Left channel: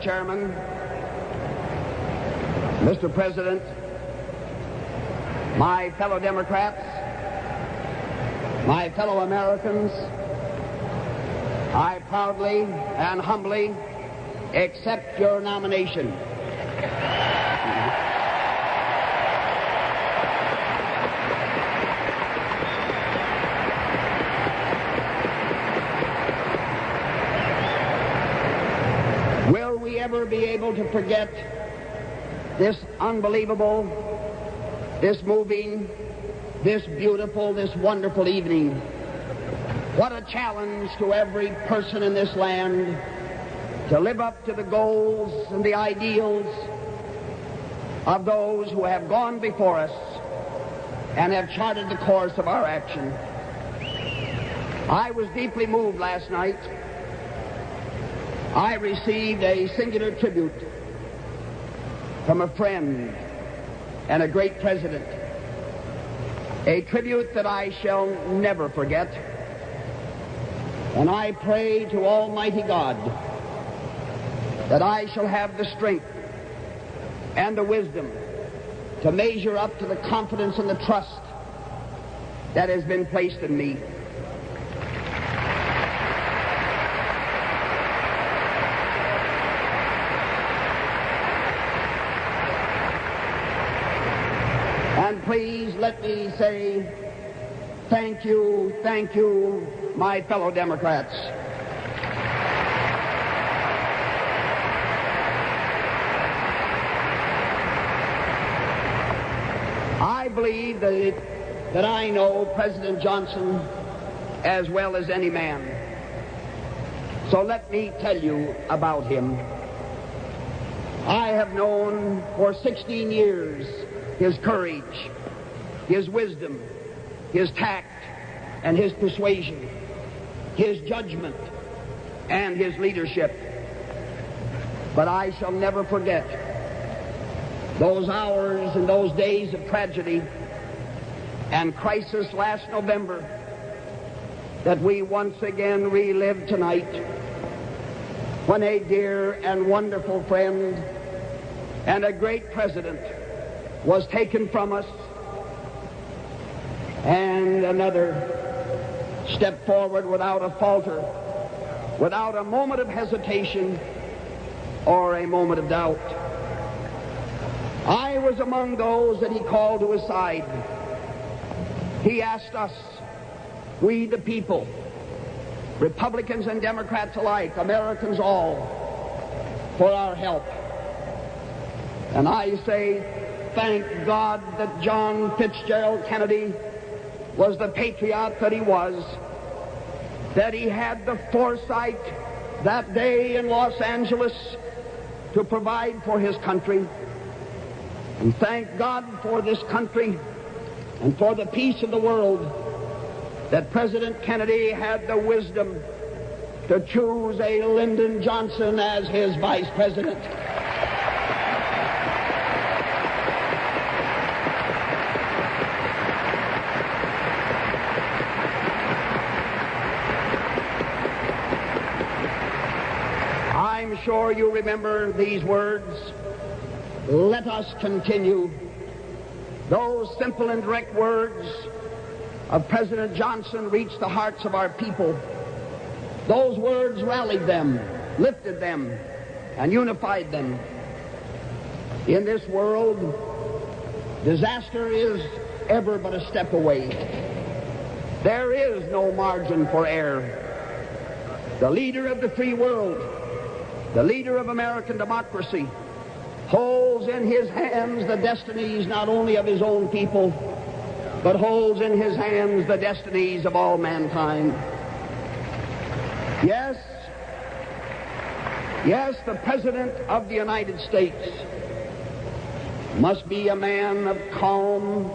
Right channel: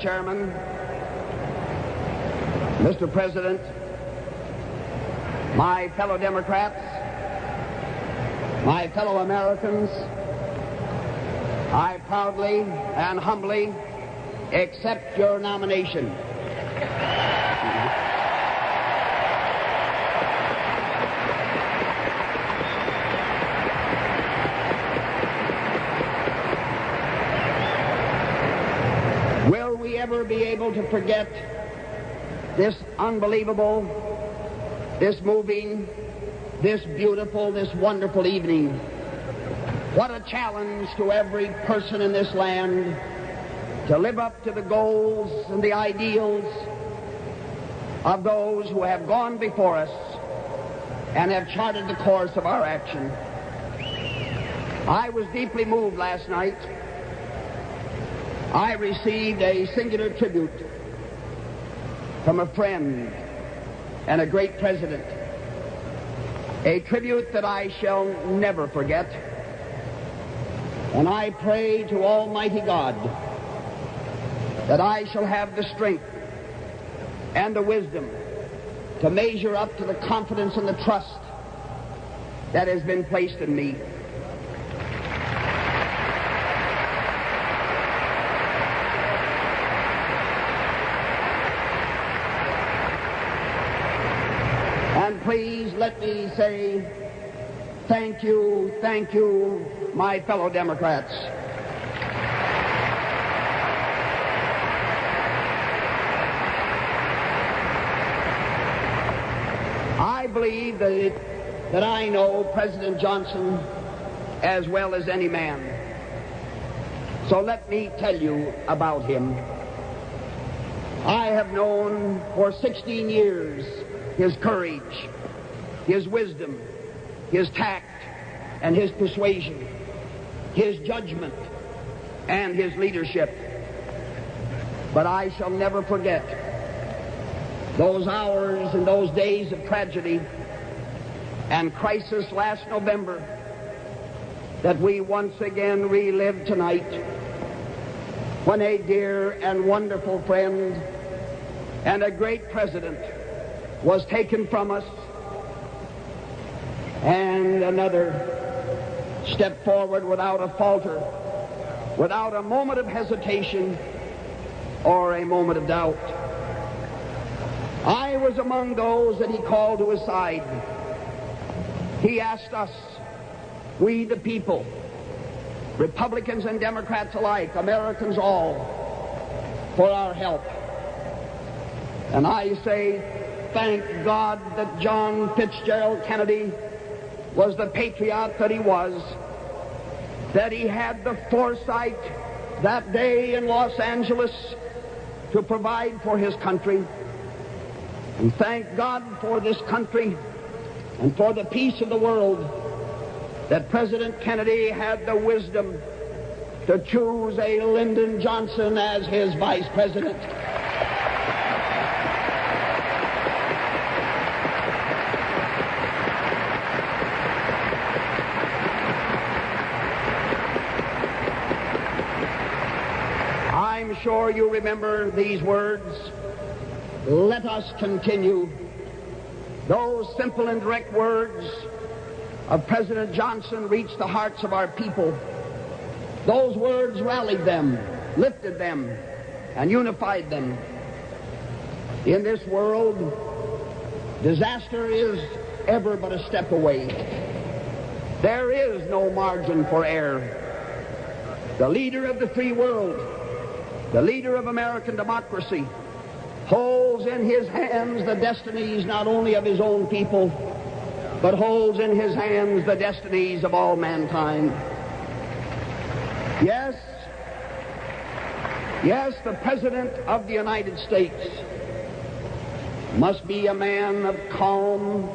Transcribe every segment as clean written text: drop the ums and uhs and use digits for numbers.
Mr. Chairman, Mr. President, my fellow Democrats, my fellow Americans, I proudly and humbly accept your nomination. Will we ever be able to forget this unbelievable, this moving, this beautiful, this wonderful evening? What a challenge to every person in this land to live up to the goals and the ideals of those who have gone before us and have charted the course of our action. I was deeply moved last night. I received a singular tribute from a friend and a great president, a tribute that I shall never forget. And I pray to Almighty God that I shall have the strength and the wisdom to measure up to the confidence and the trust that has been placed in me. And please let me say thank you, my fellow Democrats. I believe that I know President Johnson as well as any man. So let me tell you about him. I have known for 16 years his courage, his wisdom, his tact, and his persuasion, his judgment, and his leadership. But I shall never forget those hours and those days of tragedy and crisis last November that we once again relive tonight, when a dear and wonderful friend and a great president was taken from us, and another stepped forward without a falter, without a moment of hesitation or a moment of doubt. I was among those that he called to his side. He asked us, we the people, Republicans and Democrats alike, Americans all, for our help. And I say, thank God that John Fitzgerald Kennedy was the patriot that he was, that he had the foresight that day in Los Angeles to provide for his country. And thank God for this country and for the peace of the world that President Kennedy had the wisdom to choose a Lyndon Johnson as his vice president. I'm sure you remember these words. Let us continue. Those simple and direct words of President Johnson reached the hearts of our people. Those words rallied them, lifted them, and unified them. In this world, disaster is ever but a step away. There is no margin for error. The leader of the free world, the leader of American democracy, holds in his hands the destinies not only of his own people, but holds in his hands the destinies of all mankind. Yes, the President of the United States must be a man of calm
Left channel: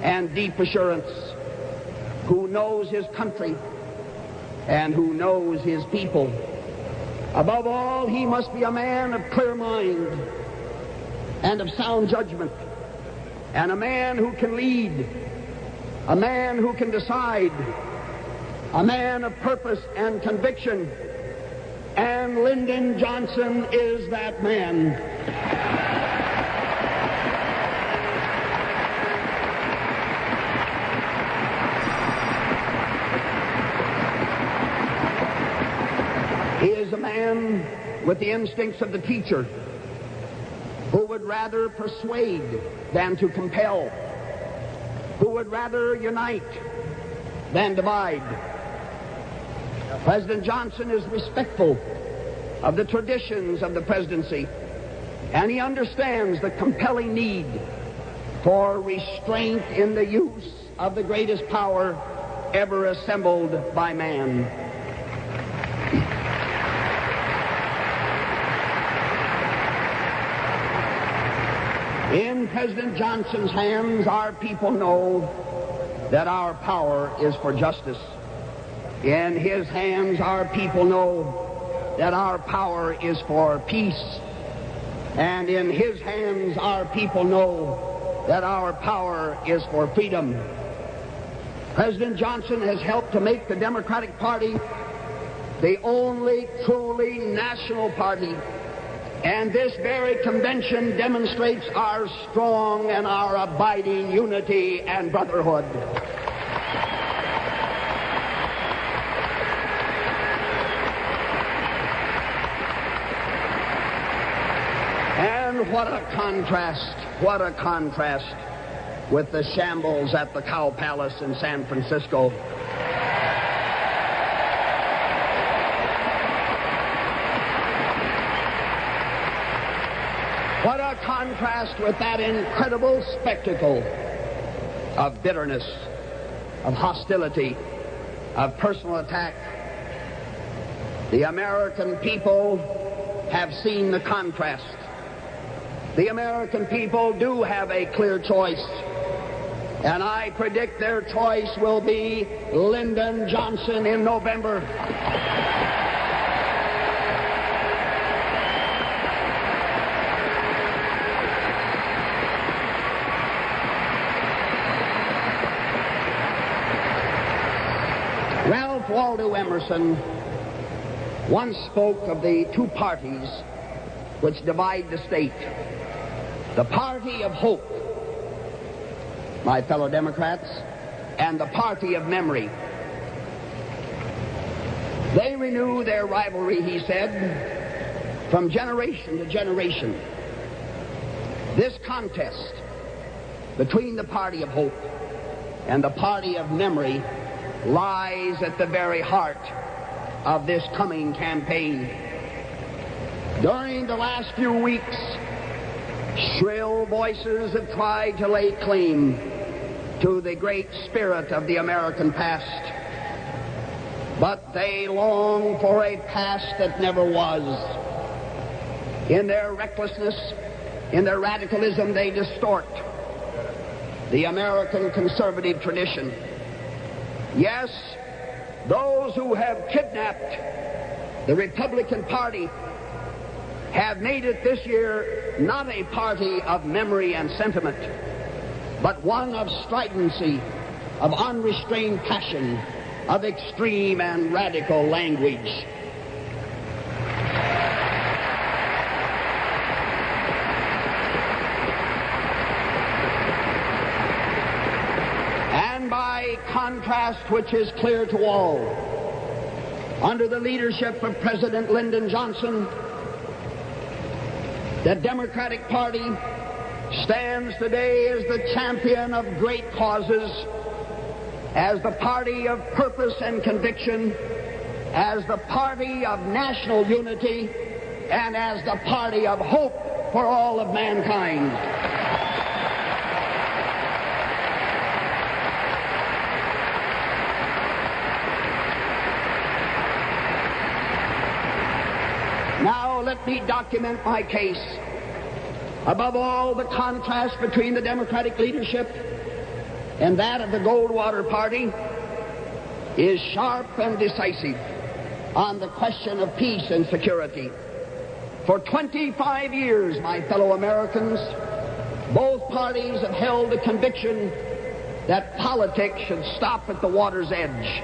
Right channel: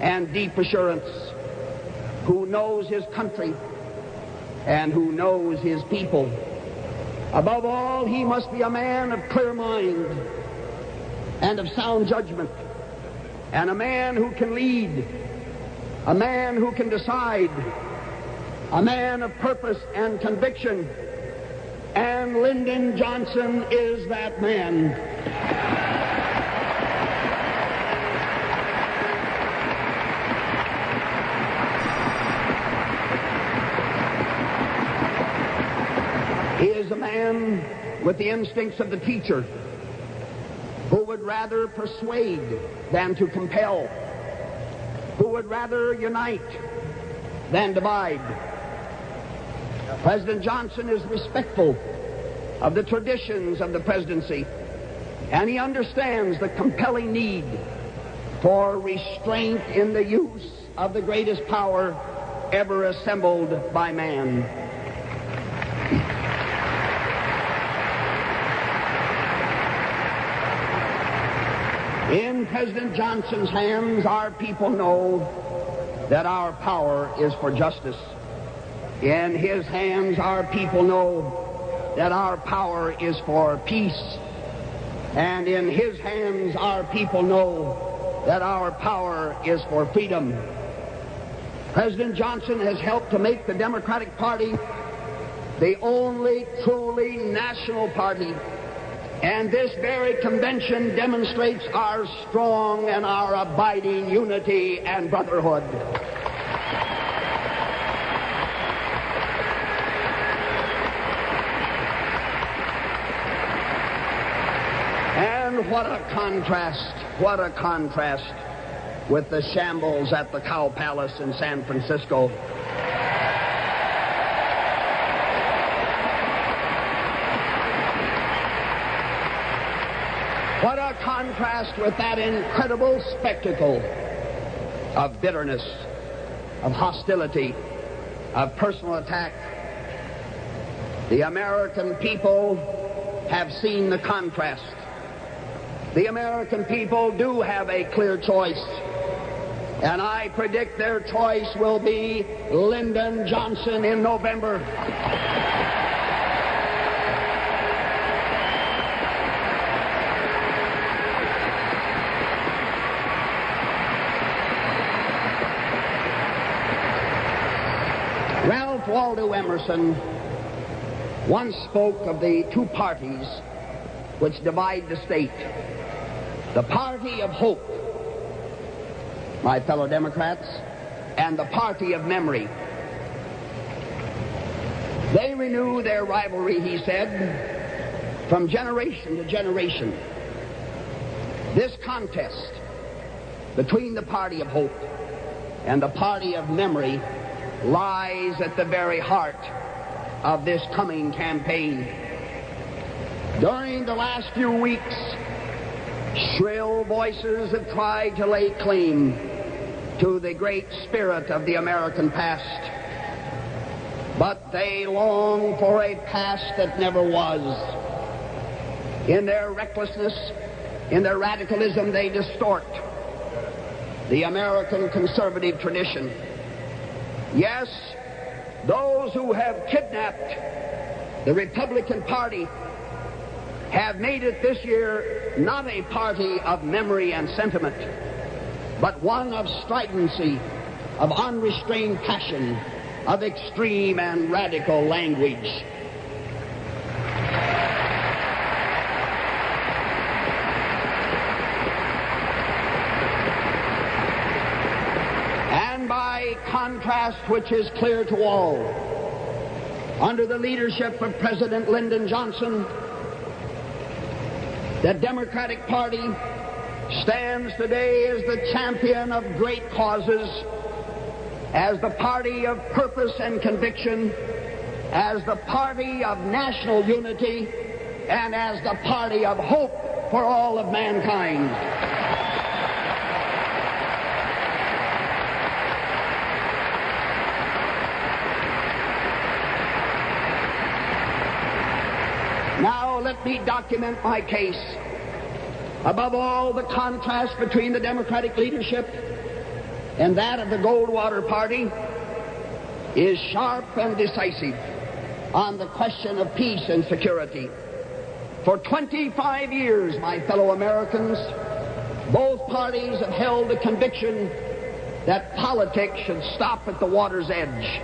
and deep assurance, who knows his country and who knows his people. Above all, he must be a man of clear mind and of sound judgment, and a man who can lead, a man who can decide, a man of purpose and conviction, and and Lyndon Johnson is that man. He is a man with the instincts of the teacher, who would rather persuade than to compel, who would rather unite than divide. President Johnson is respectful of the traditions of the presidency, and he understands the compelling need for restraint in the use of the greatest power ever assembled by man. In President Johnson's hands, our people know that our power is for justice. In his hands, our people know that our power is for peace. And in his hands, our people know that our power is for freedom. President Johnson has helped to make the Democratic Party the only truly national party. And this very convention demonstrates our strong and our abiding unity and brotherhood. And what a contrast with the shambles at the Cow Palace in San Francisco. What a contrast with that incredible spectacle of bitterness, of hostility, of personal attack. The American people have seen the contrast. The American people do have a clear choice, and I predict their choice will be Lyndon Johnson in November. Ralph Waldo Emerson once spoke of the two parties which divide the state. The party of hope, my fellow Democrats, and the party of memory. They renew their rivalry, he said, from generation to generation. This contest between the party of hope and the party of memory lies at the very heart of this coming campaign. During the last few weeks, shrill voices have tried to lay claim to the great spirit of the American past. But they long for a past that never was. In their recklessness, in their radicalism, they distort the American conservative tradition. Yes, those who have kidnapped the Republican Party have made it this year not a party of memory and sentiment, but one of stridency, of unrestrained passion, of extreme and radical language. And by contrast, which is clear to all, under the leadership of President Lyndon Johnson, the Democratic Party stands today as the champion of great causes, as the party of purpose and conviction, as the party of national unity, and as the party of hope for all of mankind. Now let me document my case. Above all, the contrast between the Democratic leadership and that of the Goldwater Party is sharp and decisive on the question of peace and security. For 25 years, my fellow Americans, both parties have held the conviction that politics should stop at the water's edge,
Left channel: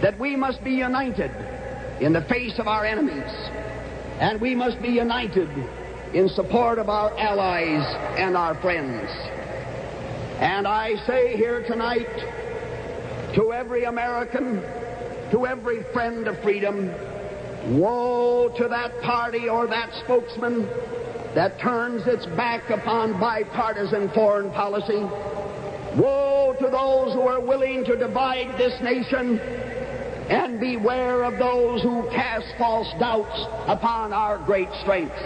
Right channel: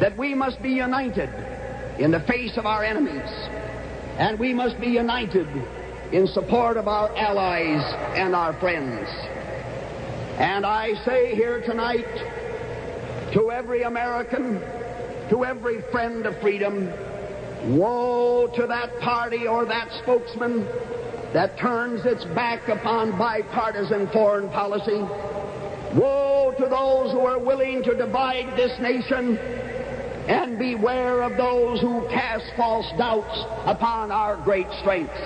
that we must be united in the face of our enemies, And we must be united in support of our allies and our friends. And I say here tonight to every American, to every friend of freedom, woe to that party or that spokesman that turns its back upon bipartisan foreign policy. Woe to those who are willing to divide this nation, and beware of those who cast false doubts upon our great strengths.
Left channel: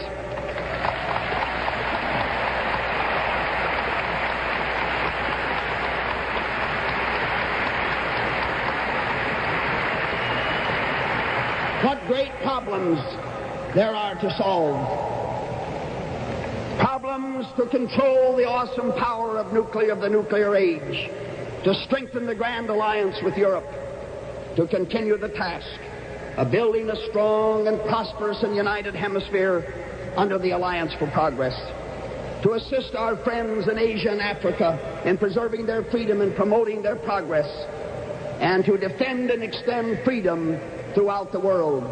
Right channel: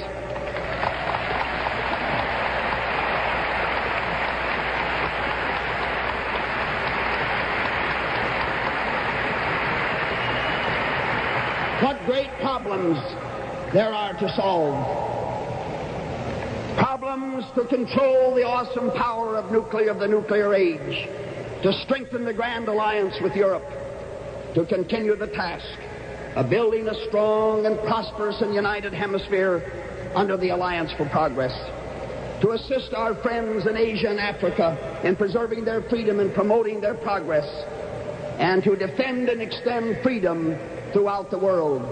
What great problems there are to solve. Problems to control the awesome power of the nuclear age, to strengthen the grand alliance with Europe, to continue the task of building a strong and prosperous and united hemisphere under the Alliance for Progress, to assist our friends in Asia and Africa in preserving their freedom and promoting their progress, and to defend and extend freedom throughout the world.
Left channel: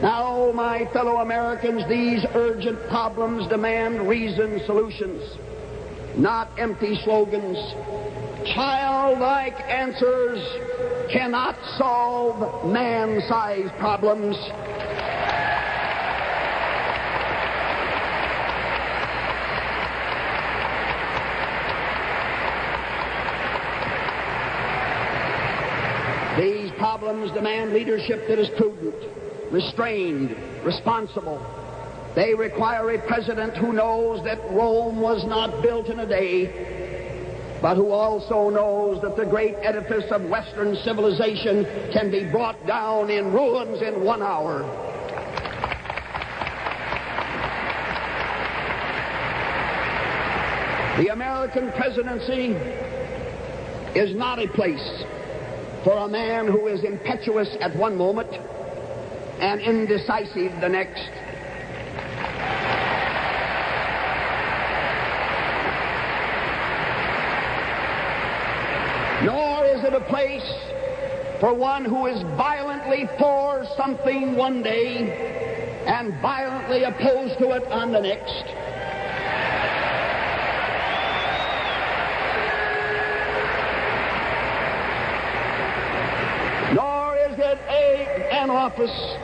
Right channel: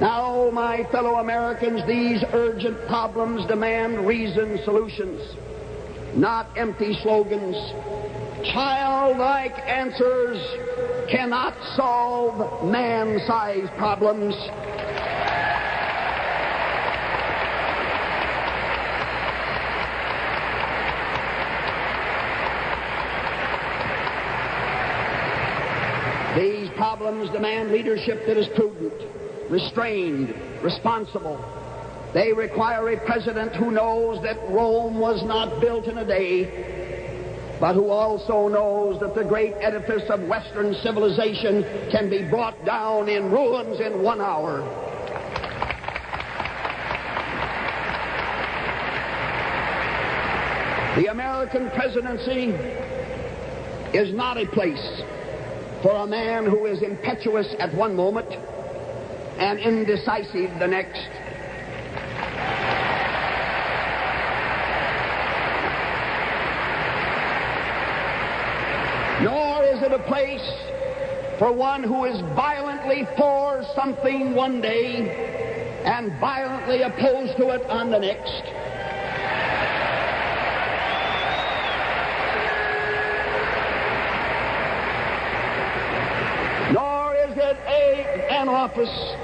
Now, my fellow Americans, these urgent problems demand reasoned solutions, not empty slogans. Childlike answers cannot solve man-sized problems. These problems demand leadership that is prudent, restrained, responsible. They require a president who knows that Rome was not built in a day, but who also knows that the great edifice of Western civilization can be brought down in ruins in 1 hour. The American presidency is not a place for a man who is impetuous at one moment and indecisive the next. Nor is it a place for one who is violently for something one day and violently opposed to it on the next. Nor is it an office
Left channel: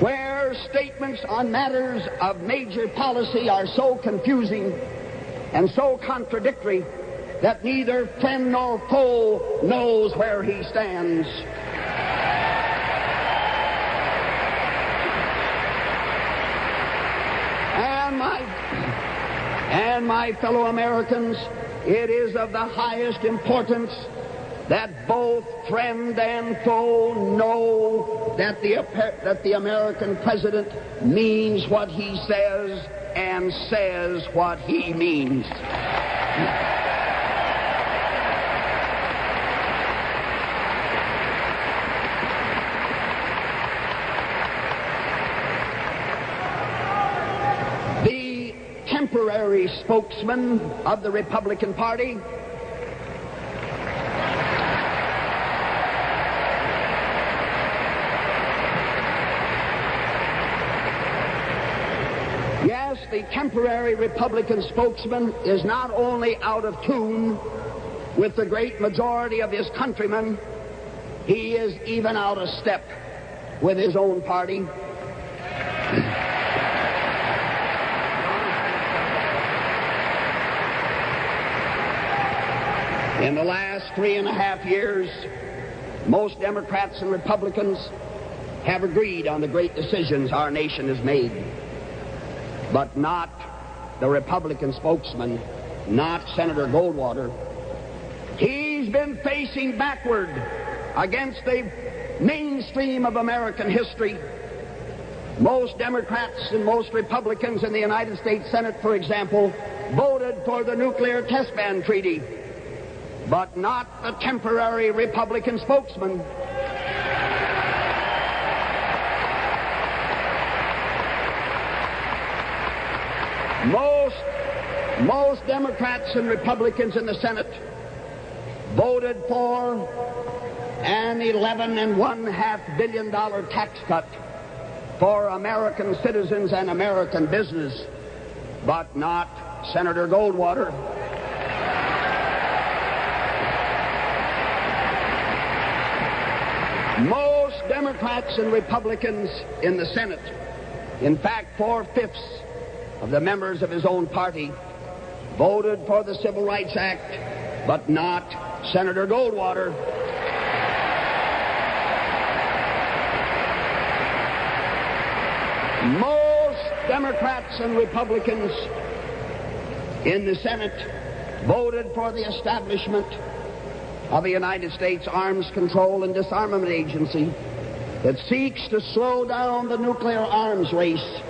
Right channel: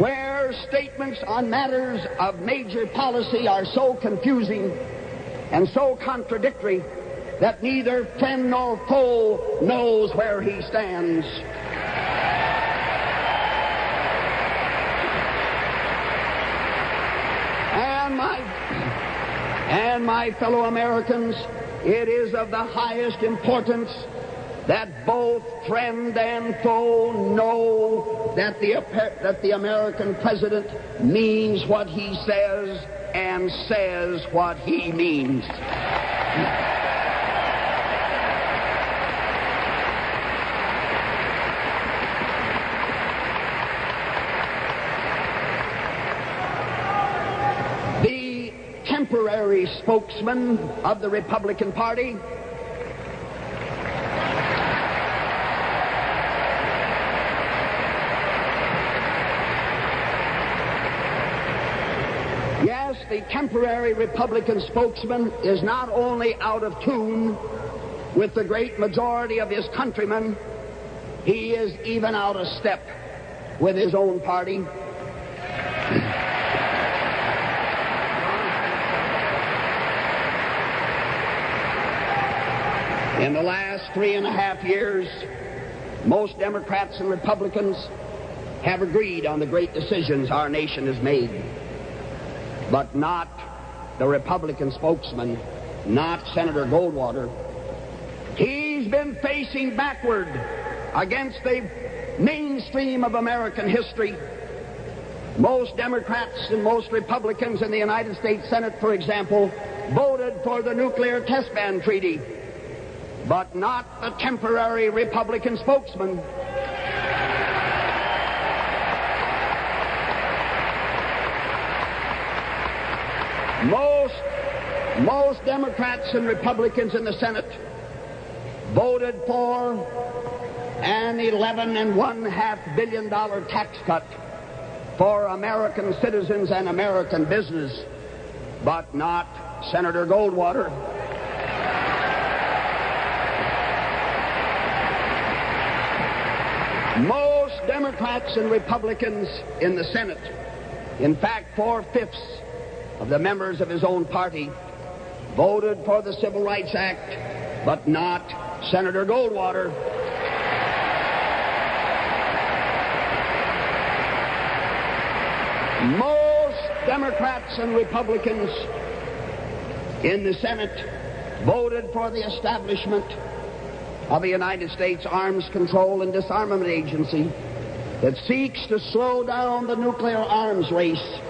where statements on matters of major policy are so confusing and so contradictory that neither friend nor foe knows where he stands. And my fellow Americans, it is of the highest importance that both friend and foe know that the American president means what he says and says what he means. The temporary spokesman of the Republican Party the temporary Republican spokesman is not only out of tune with the great majority of his countrymen, he is even out of step with his own party. In the last 3.5 years, most Democrats and Republicans have agreed on the great decisions our nation has made. But not the Republican spokesman, not Senator Goldwater. He's been facing backward against the mainstream of American history. Most Democrats and most Republicans in the United States Senate, for example, voted for the nuclear test ban treaty, but not the temporary Republican spokesman. Most Democrats and Republicans in the Senate voted for an $11.5 billion tax cut for American citizens and American business, but not Senator Goldwater. Most Democrats and Republicans in the Senate, in fact 4/5 of the members of his own party, voted for the Civil Rights Act, but not Senator Goldwater. Most Democrats and Republicans in the Senate voted for the establishment of the United States Arms Control and Disarmament Agency that seeks to slow down the nuclear arms race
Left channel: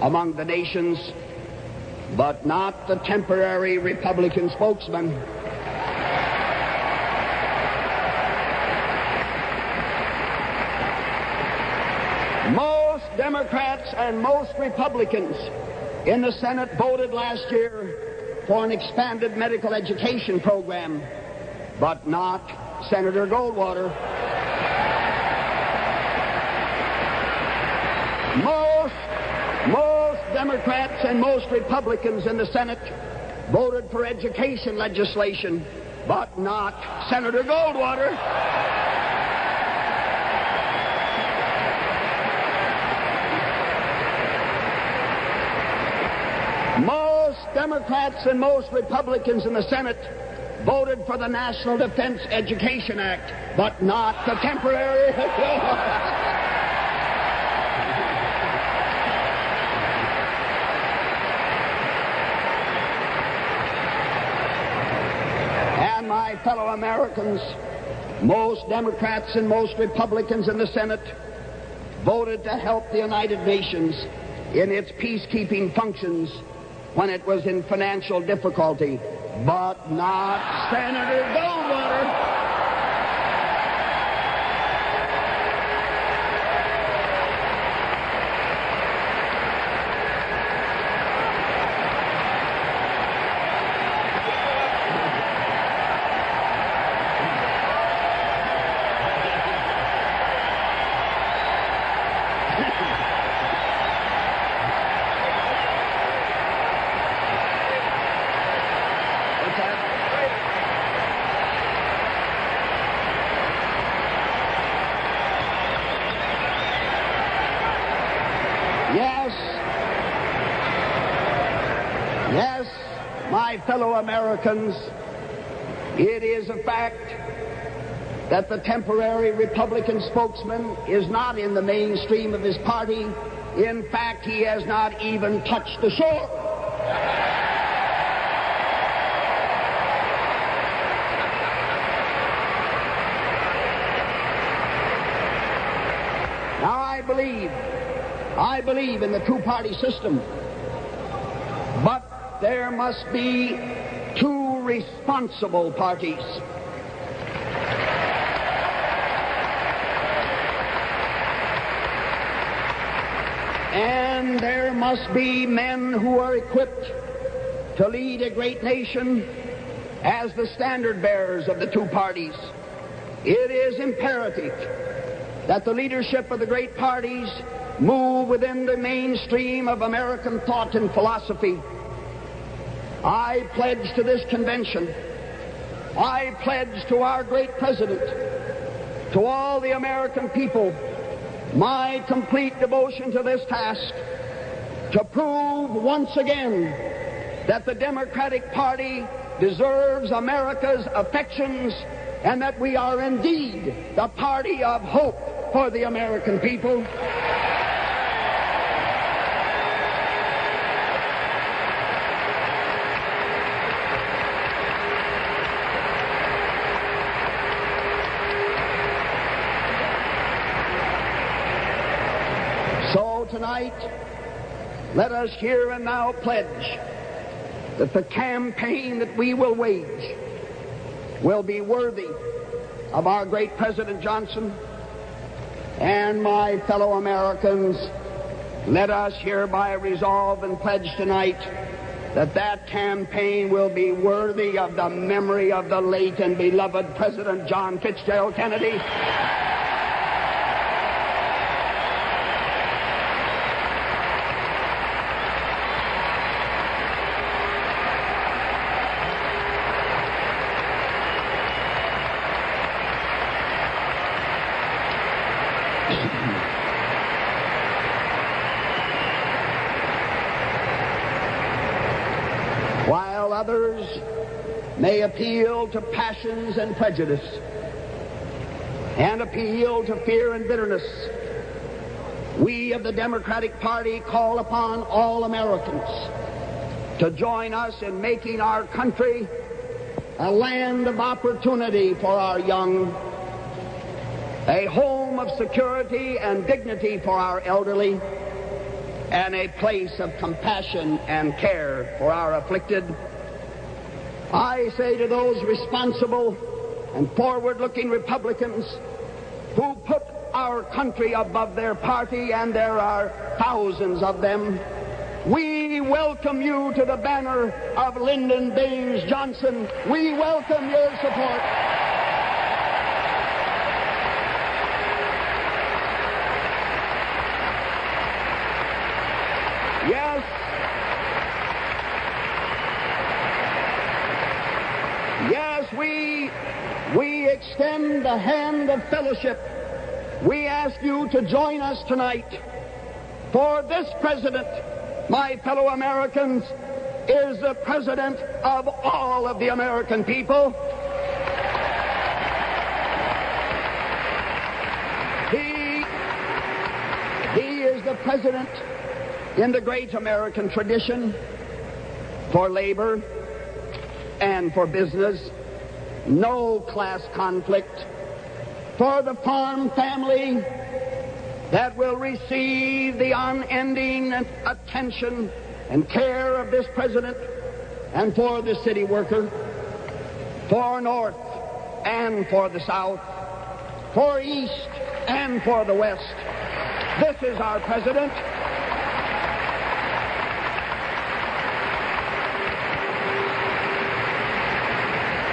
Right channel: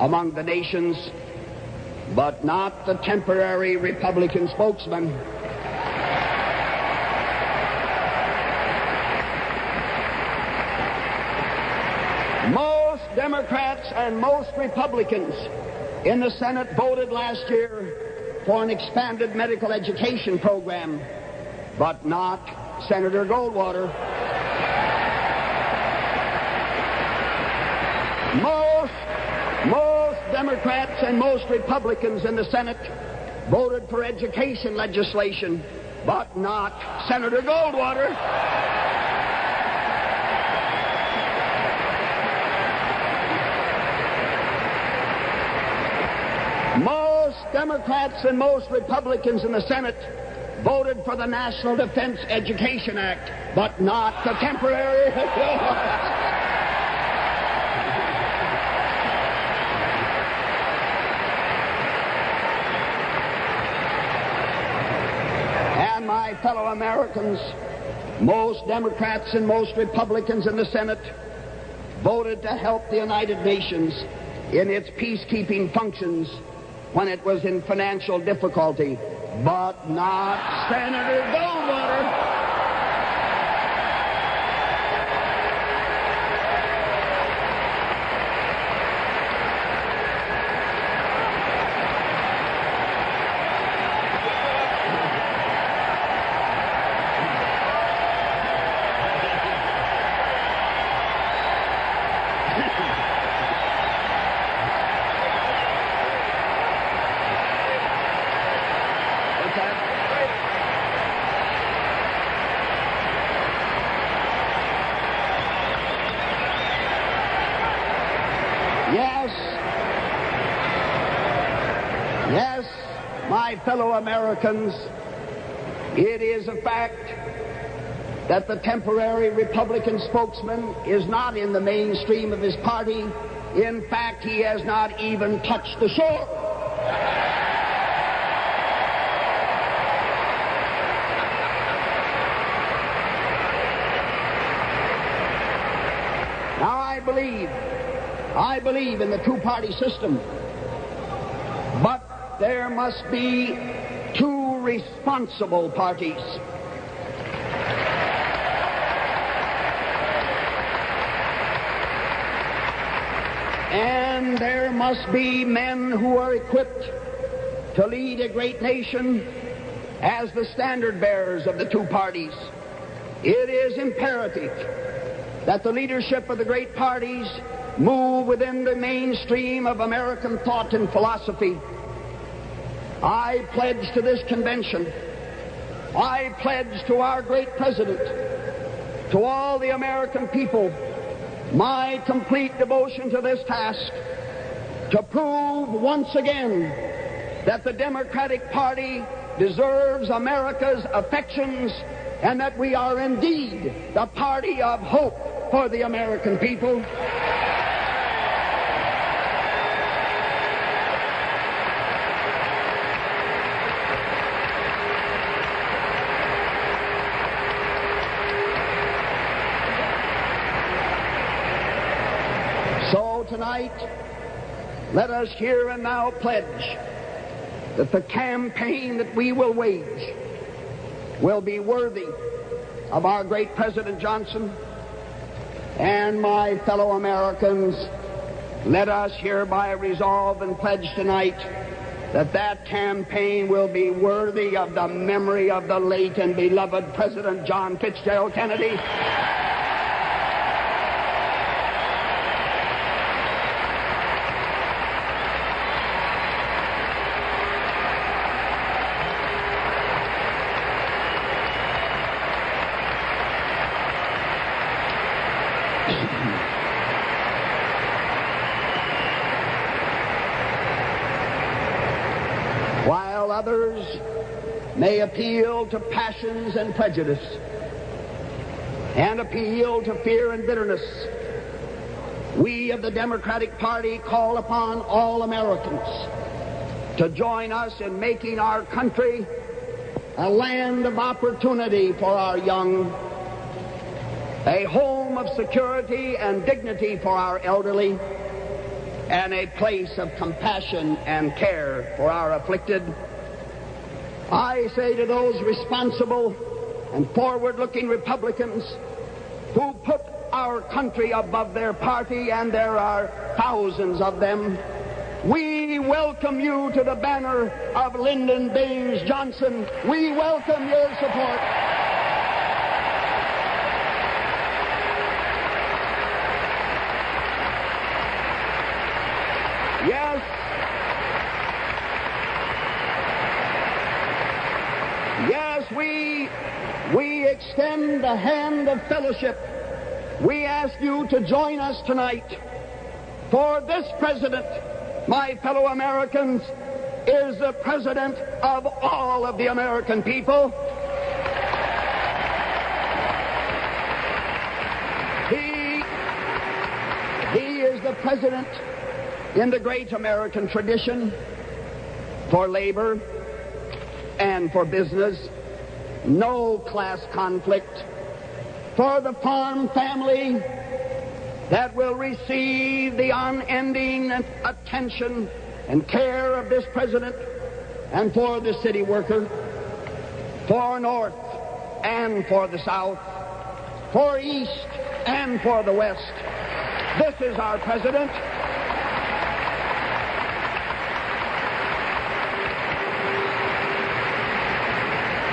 among the nations, but not the temporary Republican spokesman. Most Democrats and most Republicans in the Senate voted last year for an expanded medical education program, but not Senator Goldwater. Most Democrats and most Republicans in the Senate voted for education legislation, but not Senator Goldwater. Most Democrats and most Republicans in the Senate voted for the National Defense Education Act, but not the temporary. And my fellow Americans, most Democrats and most Republicans in the Senate voted to help the United Nations in its peacekeeping functions when it was in financial difficulty, but not Senator Goldwater. Yes, my fellow Americans, it is a fact that the temporary Republican spokesman is not in the mainstream of his party. In fact, he has not even touched the shore. Now, I believe in the two-party system, but there must be two responsible parties. And there must be men who are equipped to lead a great nation as the standard bearers of the two parties. It is imperative that the leadership of the great parties move within the mainstream of American thought and philosophy. I pledge to this convention, I pledge to our great president, to all the American people, my complete devotion to this task, to prove once again that the Democratic Party deserves America's affections and that we are indeed the party of hope for the American people. So tonight, let us here and now pledge that the campaign that we will wage will be worthy of our great President Johnson. And my fellow Americans, let us hereby resolve and pledge tonight that that campaign will be worthy of the memory of the late and beloved President John Fitzgerald Kennedy. appeal to passions and prejudice, and appeal to fear and bitterness, we of the Democratic Party call upon all Americans to join us in making our country a land of opportunity for our young, a home of security and dignity for our elderly, and a place of compassion and care for our afflicted. I say to those responsible and forward-looking Republicans who put our country above their party, and there are thousands of them, we welcome you to the banner of Lyndon Baines Johnson. We welcome your support. Yes, we extend the hand of fellowship. We ask you to join us tonight, for this president, my fellow Americans, is the president of all of the American people. He is the president in the great American tradition for labor and for business, no class conflict, for the farm family that will receive the unending attention and care of this president, and for the city worker, for North and for the South, for East and for the West. This is our president.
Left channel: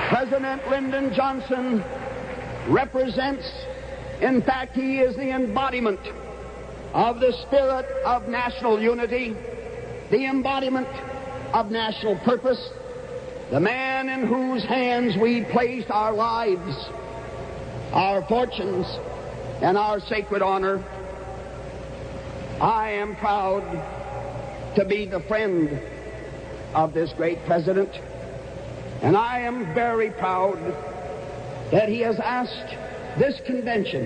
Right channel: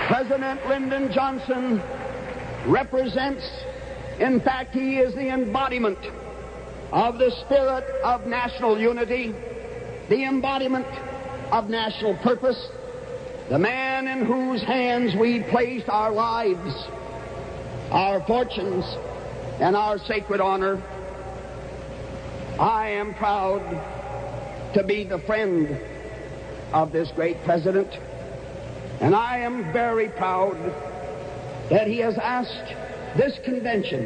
President Lyndon Johnson represents, in fact, he is the embodiment of the spirit of national unity, the embodiment of national purpose, the man in whose hands we place our lives, our fortunes, and our sacred honor. I am proud to be the friend of this great president, and I am very proud that he has asked this convention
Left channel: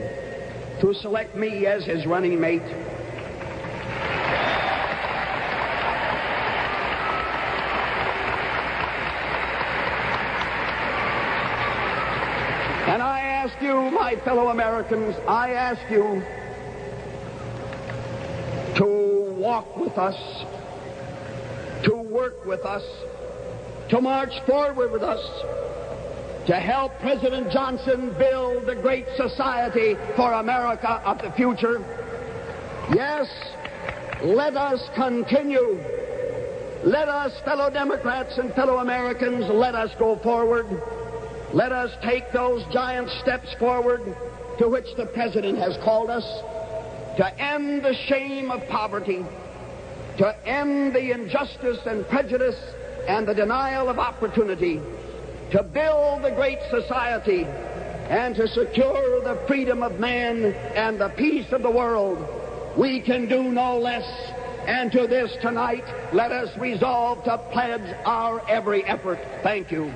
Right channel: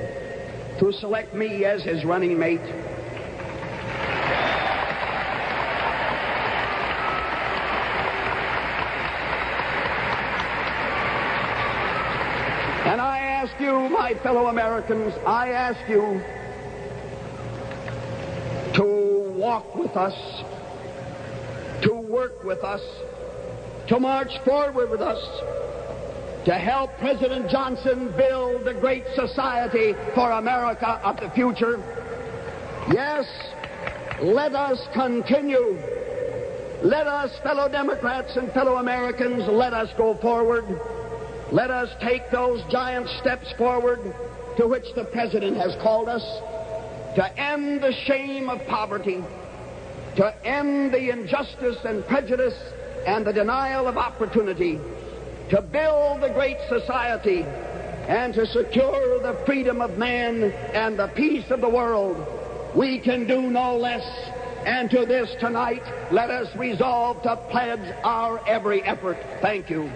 to select me as his running mate. And I ask you, my fellow Americans, I ask you to walk with us, to work with us, to march forward with us, to help President Johnson build the great society for America of the future. Yes, let us continue. Let us, fellow Democrats and fellow Americans, let us go forward. Let us take those giant steps forward to which the President has called us, to end the shame of poverty, to end the injustice and prejudice and the denial of opportunity, to build the great society, and to secure the freedom of man and the peace of the world. We can do no less. And to this tonight, let us resolve to pledge our every effort. Thank you.